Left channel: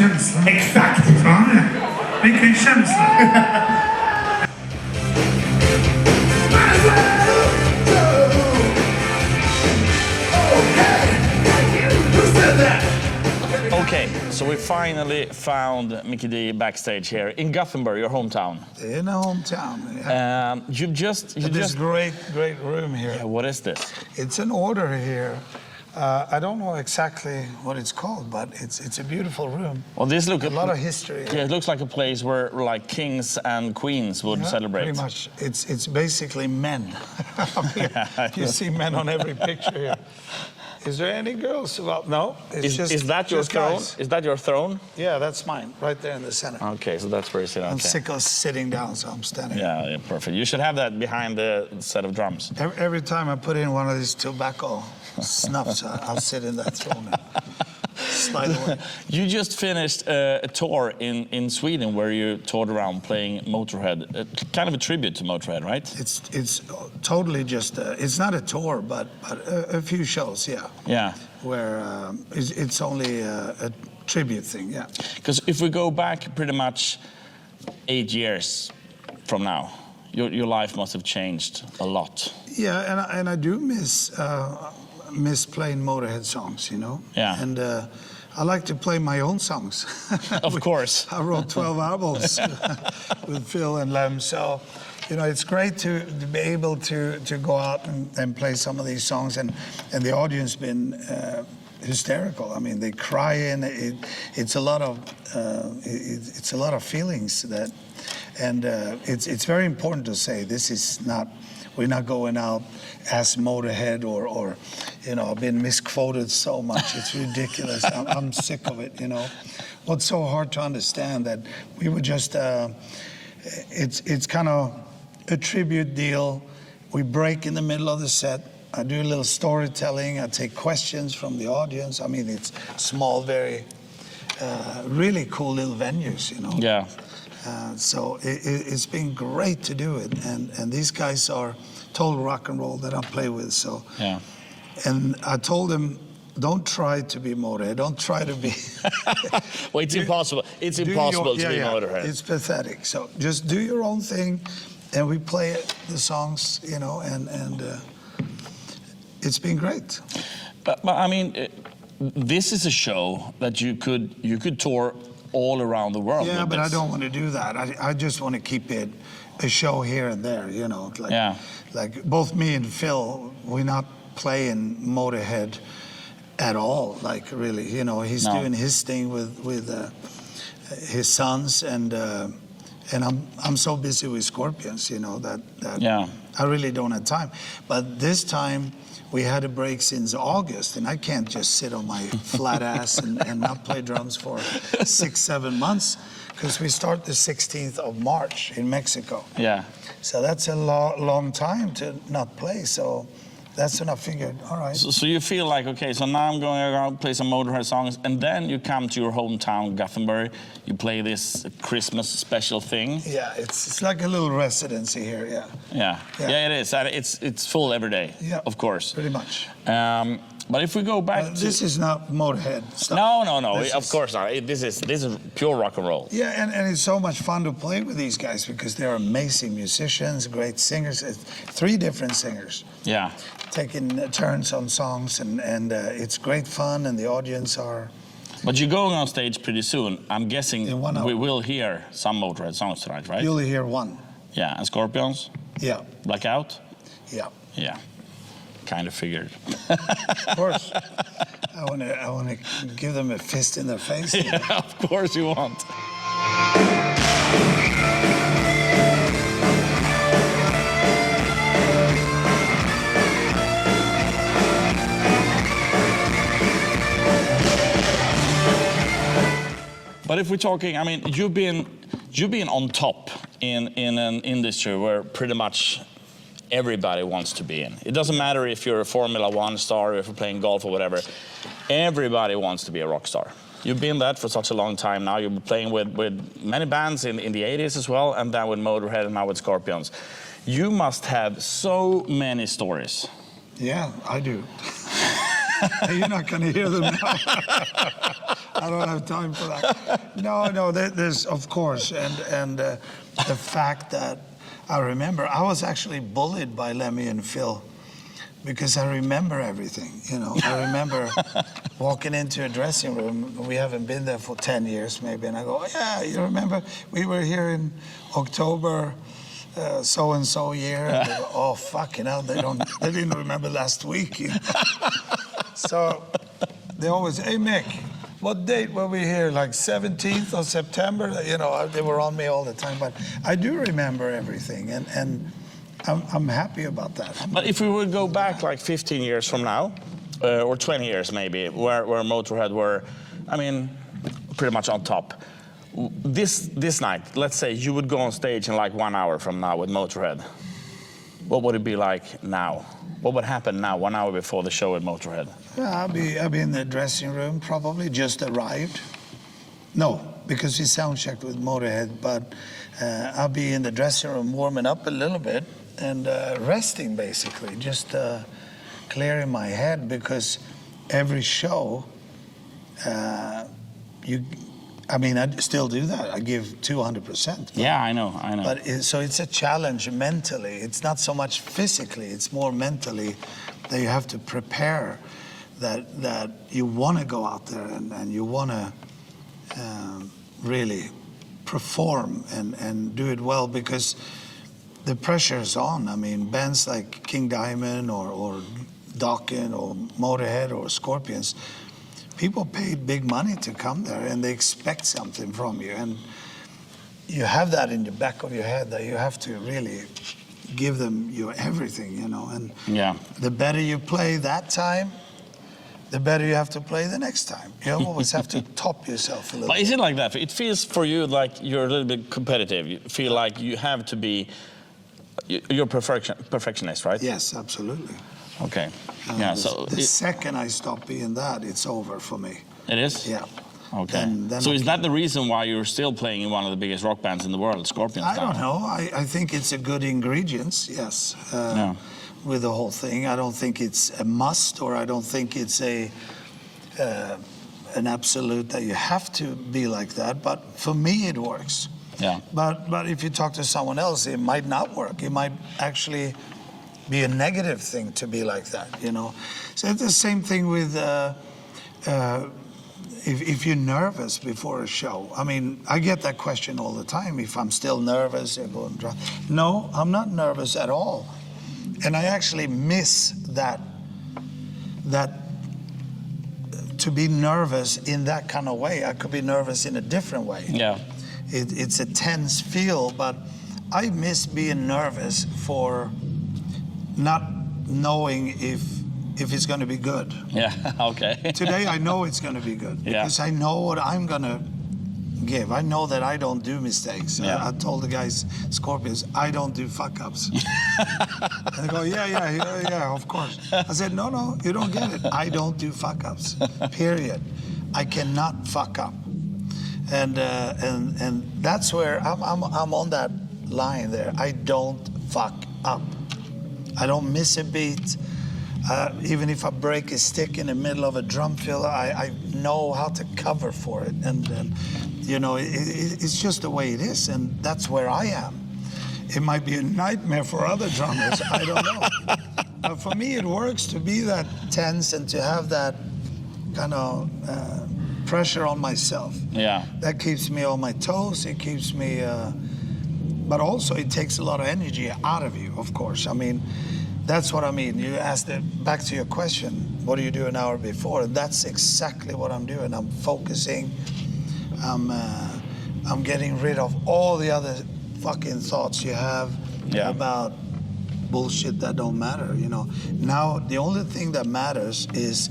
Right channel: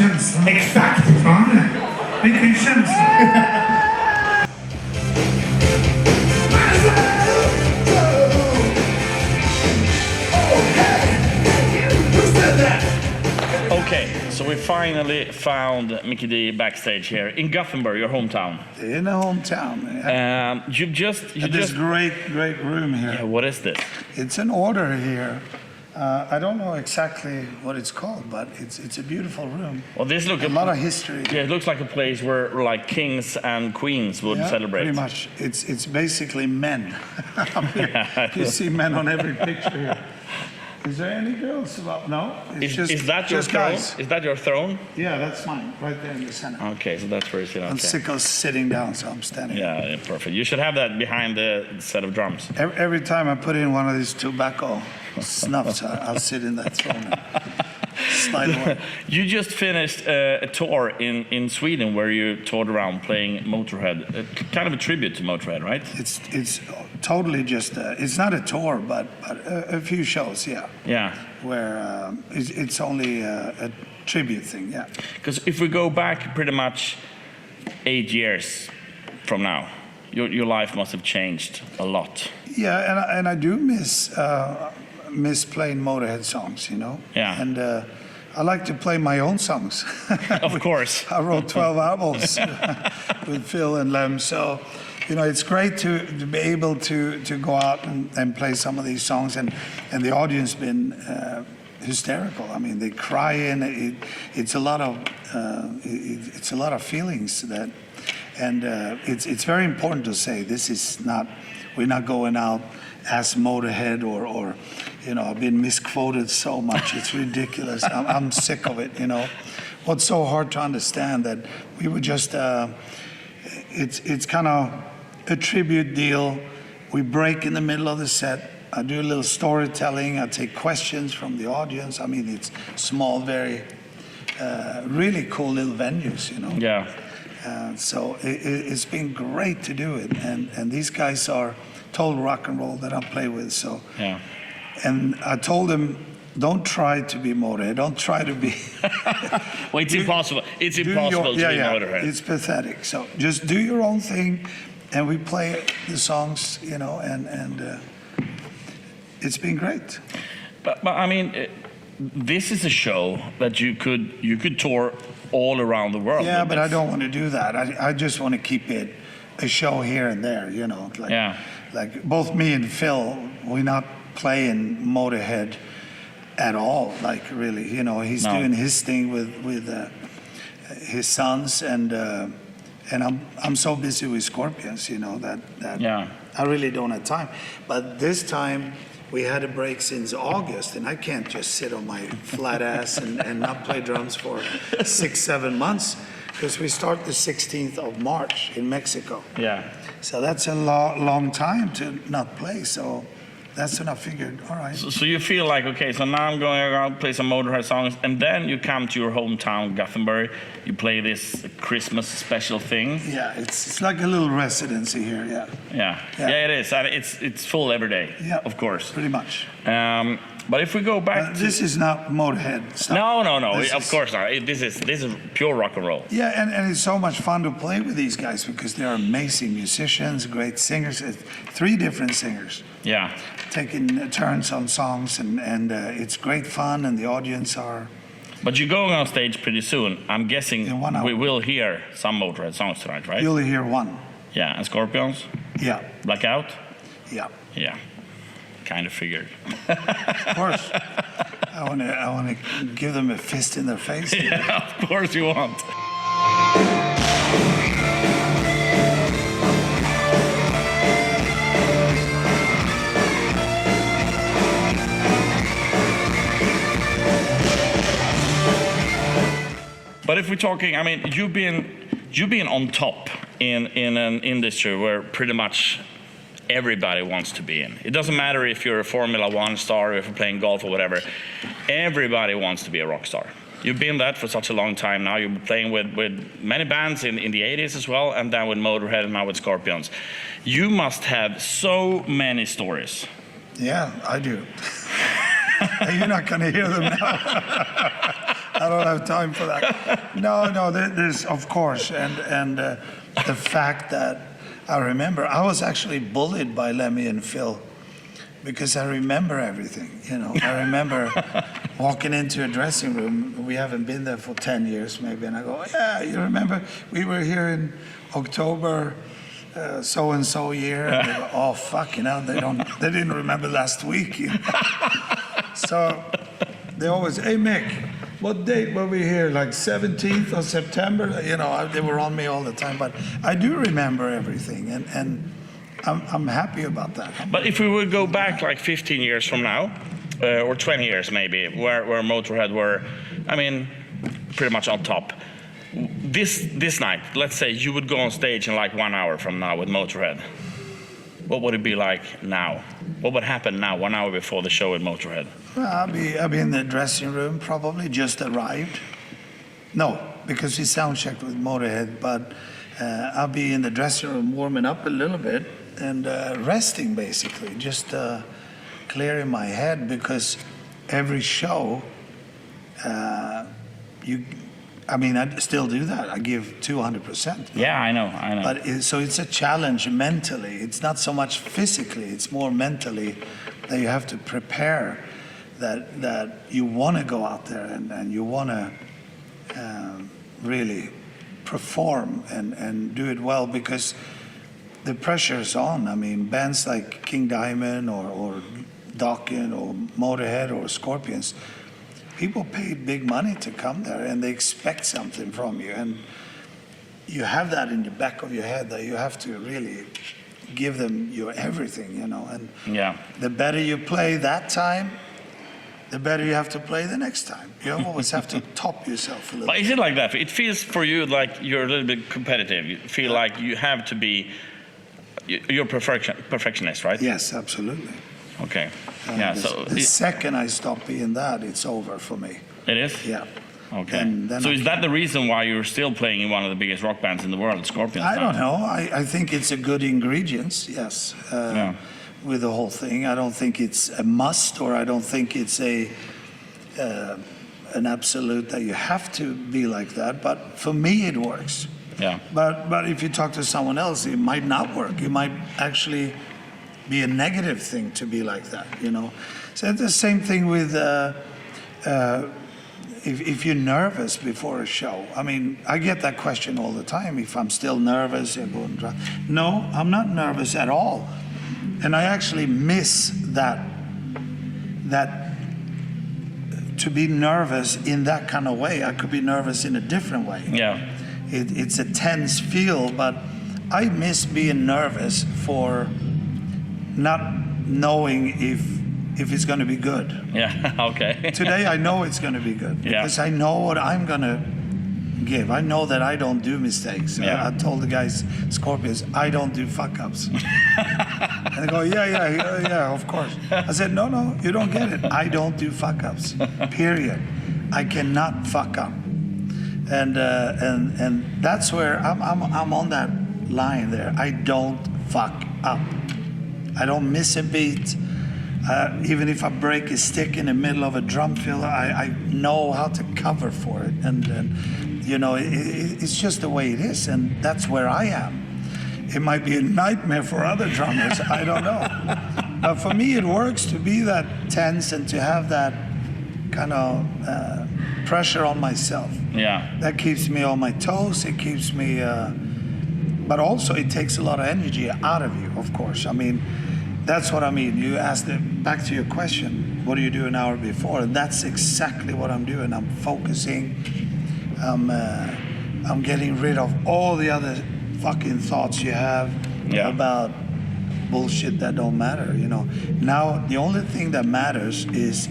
känslan. Exakt! Ja, vilken känsla. Okay, so we finally found Mikkey Dee backstage here in Gothenburg, your hometown. In a hometown. Yeah. You just This great room here. Yeah, what is this? It's an order here. I don't know exactly what it's called, but it's a beautiful room. Well, this looks a lot of history. Yeah, it looks like a place where like kings and queens would celebrate. Pretty much. It's basically men. You see men on every picture here. Is there any girls? Well, no. Is that your throne? Guys. Is that your throne? Yeah, that's mine, right there in the center. Okay, so that's where you sit. I'm Okay. sick of sitting down, so I'm standing. Yeah, perfect. You should have that behind the set of drums. Every time I put in one of these tobacco snuffs, I'll sit in that throne and slide away. You just finished a tour in Sweden where you toured around playing Motörhead, kind of a tribute to Motörhead, right? It's totally just it's not a tour, but a few shows, yeah. Yeah. Where it's only a tribute thing, yeah. Because if we go back pretty much 8 years from now, your life must have changed a lot. Yeah, and I do miss playing Motörhead songs, you know. Yeah. And I like to play my own songs. Of course. I wrote 12 albums with Phil and Lem, so you know it's great to be able to go out and play some of these songs, and the audience been hysterical. I mean, they cry, and it's a lot of feelings that, and it's very important to say this is not. We're not going out as Motörhead or you know, I've been misquoted so much. It's ridiculous. I'm sick of it, you know. What's so hard to understand that we would just, it's kind of a tribute deal. We break in the middle of the set. I do a little storytelling. I take questions from the audience. I mean, it's small, very, really cool little venues, you know. Yeah. So it's been great to do it, and these guys are total rock and roll that I play with. So, yeah. And I told them, don't try to be Motörhead. Don't try to be. Well, it's impossible. It's impossible to be Motörhead. It's pathetic. So just do your own thing, and we play the songs, you know, and it's been great. But I mean, this is a show that you could tour all around the world. Yeah, but I don't want to do that. I just want to keep it a show here and there, you know. Like, yeah. Like both me and Phil, we're not playing Motörhead at all. Like really, you know, he's doing his thing with his sons, and I'm so busy with Scorpions, you know, that I really don't have time. But this time, we had a break since August, and I can't just sit on my flat ass and not play drums for 6-7 months, because we start the 16th of March in Mexico. Yeah. So that's a long time to not play. So that's when I figured, all right. So you feel like, okay, so now I'm going around play some Motörhead songs, and then you come to your hometown, Gothenburg. You play this Christmas special thing. Yeah, it's like a little residency here. Yeah. Yeah, it is. It's full every day. Yeah, of course. Pretty much. But if we go back, this is not Motörhead stuff. No. Of course not. This is pure rock and roll. Yeah, and it's so much fun to play with these guys because they're amazing musicians, great singers. 3 different singers. Yeah. Taking turns on songs, and it's great fun, and the audience are. But you're going on stage pretty soon. I'm guessing we will hear some Motörhead songs tonight, right? You'll hear one. Yeah, and Scorpions? Yeah. Blackout? Yeah. Yeah. Kind of figured. Of course. I want to give them a fist in their face. Yeah, of course you want. But if we're talking, I mean, you've been on top in an industry where pretty much everybody wants to be in. It doesn't matter if you're a Formula One star, or if you're playing golf or whatever. Everybody wants to be a rock star. You've been that for such a long time now. You've been playing with many bands in the 80s as well, and then with Motörhead and now with Scorpions. You must have so many stories. Yeah, I do. You're not going to hear them now. I don't have time for that. No, there's of course, and the fact that I remember, I was actually bullied by Lemmy and Phil because I remember everything. I remember walking into a dressing room. We haven't been there for 10 years, maybe, and I go, yeah, you remember we were here in October. So and so year. And they go, oh fucking hell! They didn't remember last week. So they always, hey Mick, what date were we here? Like 17th of September? They were on me all the time. But I do remember everything, and I'm happy about that. But if we would go back like 15 years from now, or 20 years maybe, where Motörhead were, I mean, pretty much on top. This night, let's say you would go on stage in like 1 hour from now with Motörhead. What would it be like now? What would happen now, 1 hour before the show with Motörhead? I'll be in the dressing room, probably just arrived. No, because we sound checked with Motörhead, but I'll be in the dressing room warming up a little bit and resting basically, just clearing my head, because every show, I still do that. I give 200%. Yeah, I know. But so it's a challenge mentally. It's not so much physically. It's more mentally that you have to prepare. That you want to go out there and you want to really perform and do it well, because the pressure is on. I mean, bands like King Diamond or Dokken or Motörhead or Scorpions, people paid big money to come there, and they expect something from you, and you have that in the back of your head that you have to really give them your everything, and yeah. The better you play that time, the better you have to play the next time. You always have to top yourself a little. But is it like that? It feels for you like you're a little bit competitive. You feel like you have to be, you're perfectionist, right? Yes, absolutely. Okay. Yeah. So the second I stop being that, it's over for me. It is? Yeah. Okay. Then So is that the reason why you're still playing in one of the biggest rock bands in the world, Scorpions? I don't know. I think it's a good ingredients, yes, with the whole thing. I don't think it's a must, or I don't think it's an absolute that you have to be like that. But for me, it works. Yeah. But if you talk to someone else, it might not work. It might actually be a negative thing to be like that, So it's the same thing with if you're nervous before a show. I mean, I get that question all the time. If I'm still nervous, you're going dry. No, I'm not nervous at all, and I actually miss that to be nervous in that kind of way. I could be nervous in a different way. Yeah. It's a tense feel, but I miss being nervous for not knowing if it's going to be good. Yeah, okay. Today I know it's going to be good, because I know what I'm going to give. I know that I don't do mistakes. Yeah. I told the guys, Scorpions, I don't do fuck-ups. And they go, yeah, of course. I said, no, you don't get it. I don't do fuck-ups, period. I cannot fuck up. And that's where I'm on that line there. I don't fuck up. I don't miss a beat. Even if I break a stick in the middle of a drum fill, I know how to cover for it. And it's just the way it is. And that's where I am. It might be a nightmare for other drummers. I don't know. But for me, it works to be that tense and to have that kind of pressure on myself. Yeah. That keeps me on my toes. It keeps me... but also it takes a lot of energy out of you, of course. I mean, that's what I mean. You asked back to your question, what do you do an hour before? That's exactly what I'm doing. I'm focusing. I'm getting rid of all the other fucking thoughts you have about bullshit that don't matter, Now, the only thing that matters is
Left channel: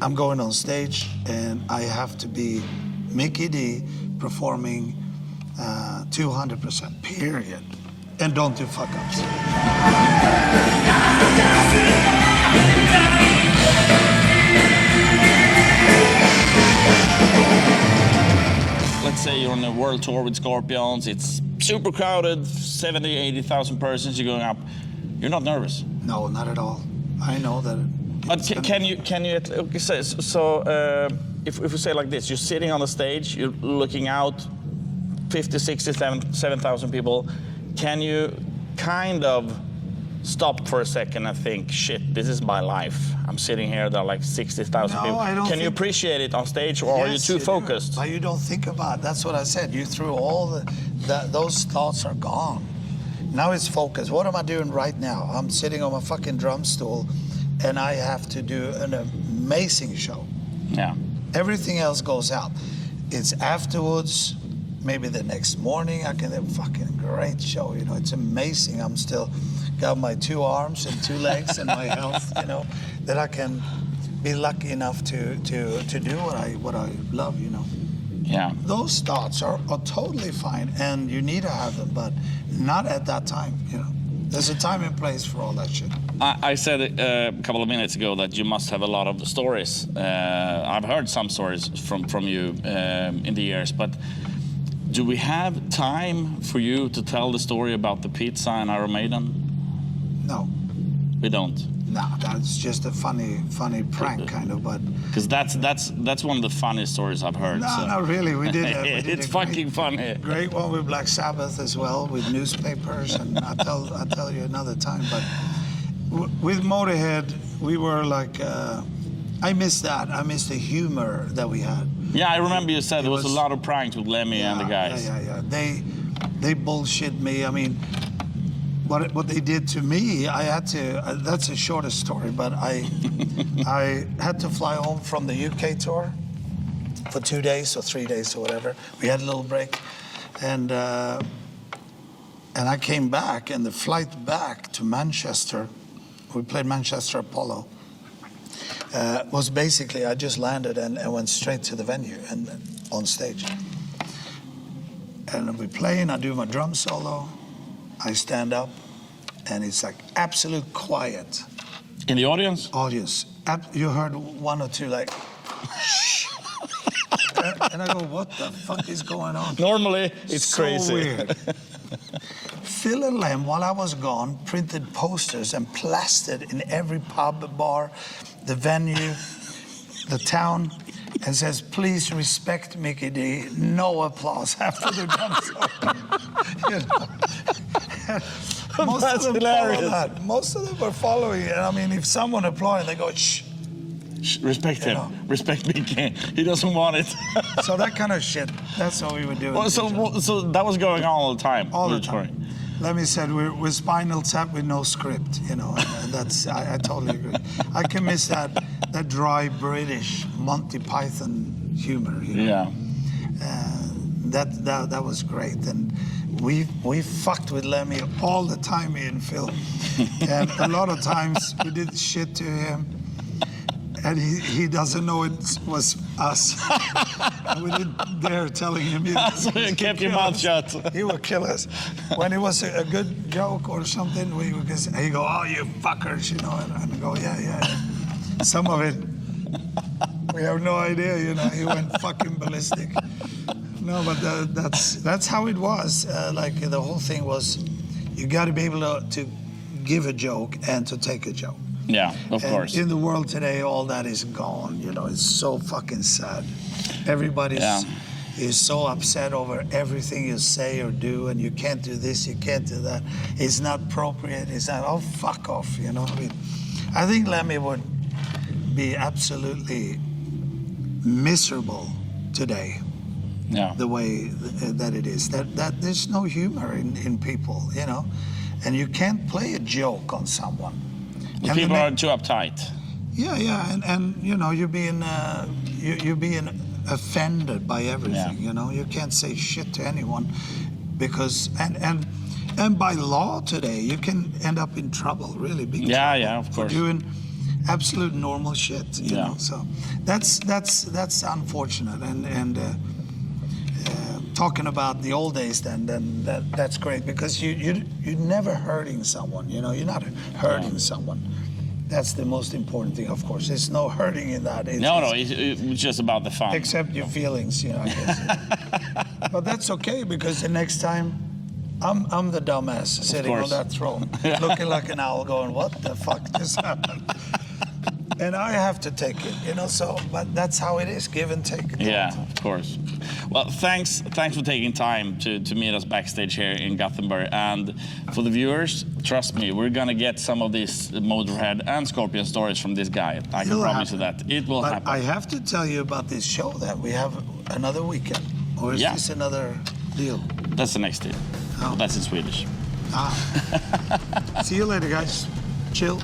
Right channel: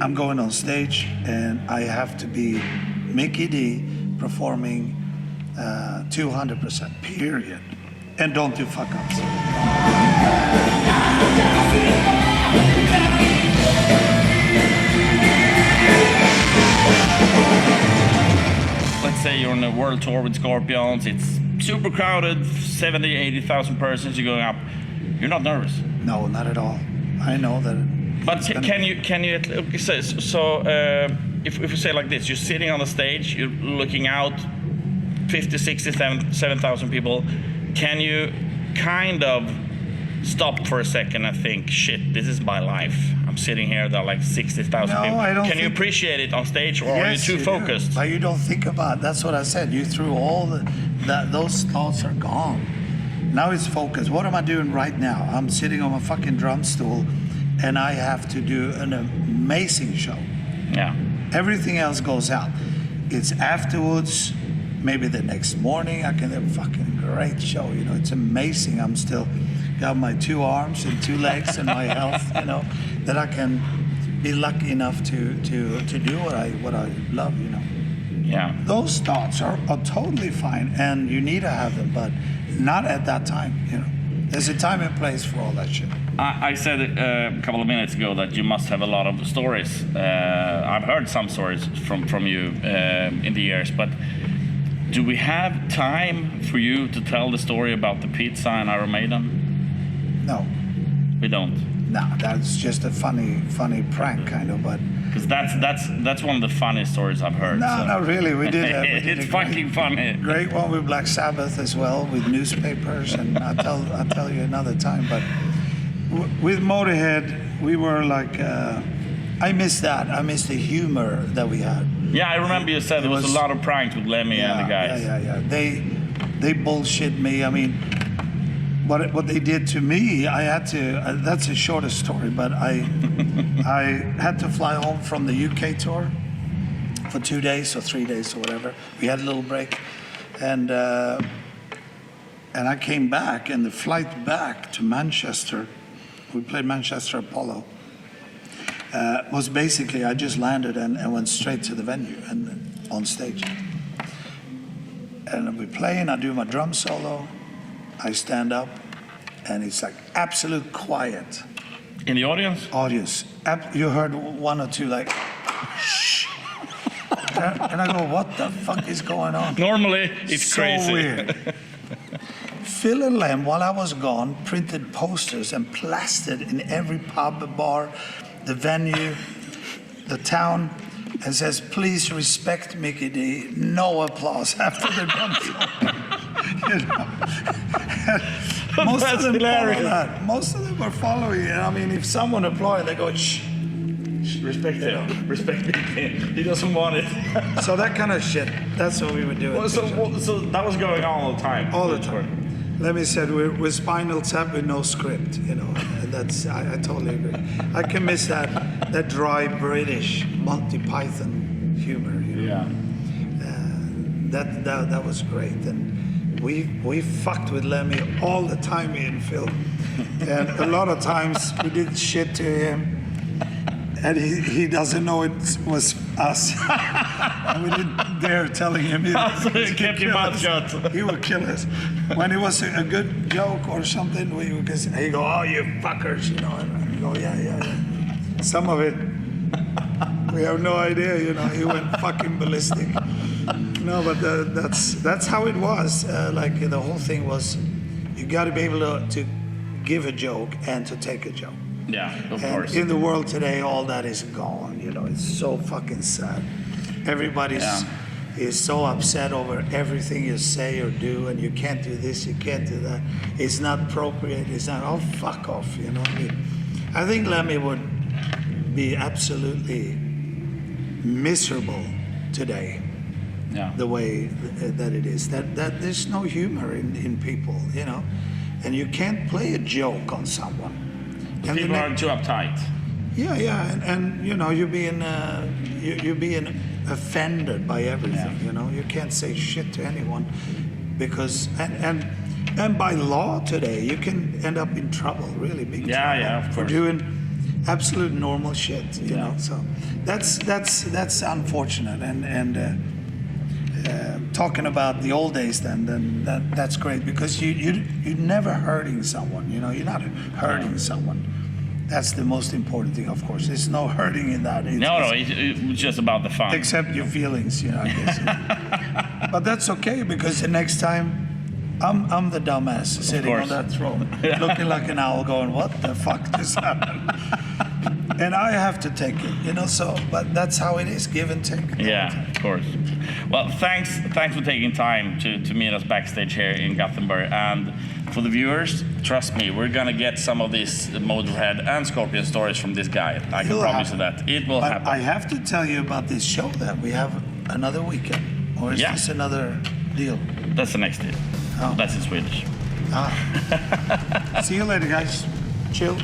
I'm going on stage and I have to be Mikkey Dee performing 200%, period. And don't do fuck-ups. Let's say you're on a world tour with Scorpions, it's super crowded, 70, 80,000 persons, you're going up. You're not nervous? No, not at all. I know that. But can you if we say like this, you're sitting on the stage, you're looking out, 50, 60, 7,000 people. Can you kind of stop for a second and think, shit, this is my life. I'm sitting here, there are like 60,000 No, people. I don't Can you think- appreciate it on stage, or are you Yes, too do. focused? But you don't think about it. That's what I said. You threw all those thoughts are gone. Now it's focus. What am I doing right now? I'm sitting on my fucking drum stool and I have to do an amazing show. Yeah. Everything else goes out. It's afterwards, maybe the next morning, I can have a fucking great show. You know, it's amazing. I'm still got my 2 arms and 2 legs and my health, you know, that I can be lucky enough to do what I love, you know. Yeah. Those thoughts are totally fine, and you need to have them, but not at that time, you know. There's a time and place for all that shit. I said a couple of minutes ago that you must have a lot of stories. I've heard some stories from you in the years, but do we have time for you to tell the story about the pizza and Iron Maiden? No, We don't. no, that's just a funny prank kind of, but Because that's one of the funniest stories I've heard. no, so. not really. We did. It's fucking funny. Great one with Black Sabbath as well, with newspapers, and I'll tell you another time. But with Motörhead, we were like, I miss that. I miss the humor that we had. Yeah, I remember you said there was a lot of pranks with Lemmy and the guys. Yeah. They bullshit me. I mean, what they did to me, I had to. That's a shorter story, but I had to fly home from the UK tour for 2 days or 3 days or whatever. We had a little break, and I came back, and the flight back to Manchester, we played Manchester Apollo, was basically I just landed and went straight to the venue and on stage. And we play, and I do my drum solo. I stand up, and it's like absolute quiet. In the audience? Audience, you heard 1 or 2 like, shh. And I go, what the fuck is going on? Normally, it's So crazy. weird. Phil and Lem, while I was gone, printed posters and plastered in every pub, bar, the venue, the town, and says, please respect Mikkey Dee. No applause after the drum show. You know? Most That's of them follow hilarious. that. Most of them were following it. I mean, if someone applauded, they go, shh. Respect him. Respect Mickey. He doesn't want it. So that kind of shit, that's what we would do. Well, so that was going on all the time. All the time. Let me say, we're Spinal Tap with no script, you know, and that's, I totally agree. I can miss that dry British Monty Python humor, you know. Yeah. That was great, and we fucked with Lemmy all the time in film, and a lot of times we did shit to him, and he doesn't know it was us. And we didn't dare telling him. So you kept your mouth shut. He would kill us. When it was a good joke or something, we would just, he'd go, oh, you fuckers, you know, and I'd go, yeah. Some of it, we have no idea, you know, he went fucking ballistic. No, but that's how it was. Like the whole thing was, you got to be able to give a joke and to take a joke. Yeah, of And course. in the world today, all that is gone. You know, it's so fucking sad. Everybody's is so upset over everything you say or do, and you can't do this, you can't do that. It's not appropriate. It's not. Oh, fuck off. You know. I think Lemmy would be absolutely miserable today. Yeah. The way that it is. That there's no humor in people. You know, and you can't play a joke on someone. And People the are too uptight. Yeah, and you know, you're being offended by everything. Yeah. You know, you can't say shit to anyone because and by law today, you can end up in trouble, really big trouble. Yeah, of for course. doing absolute normal shit. You Yeah. know, so that's unfortunate. And talking about the old days, then that's great because you're never hurting someone. You know, you're not hurting someone. That's the most important thing, of course. There's no hurting in that. It's just about the fun. Except your feelings, you know. I guess. But that's okay because the next time I'm the dumbass sitting on course. that throne, looking like an owl, going, "What the fuck just happened?" and I have to take it, you know. So, but that's how it is, give and take. Yeah, of course. Well, thanks for taking time to meet us backstage here in Gothenburg. And for the viewers, trust me, we're gonna get some of these Motörhead and Scorpion stories from this guy. I can promise you that. It will happen. I have to tell you about this show that we have another weekend, or is this another deal? That's the next deal. Oh. That's in Swedish. See you later, guys. Chill.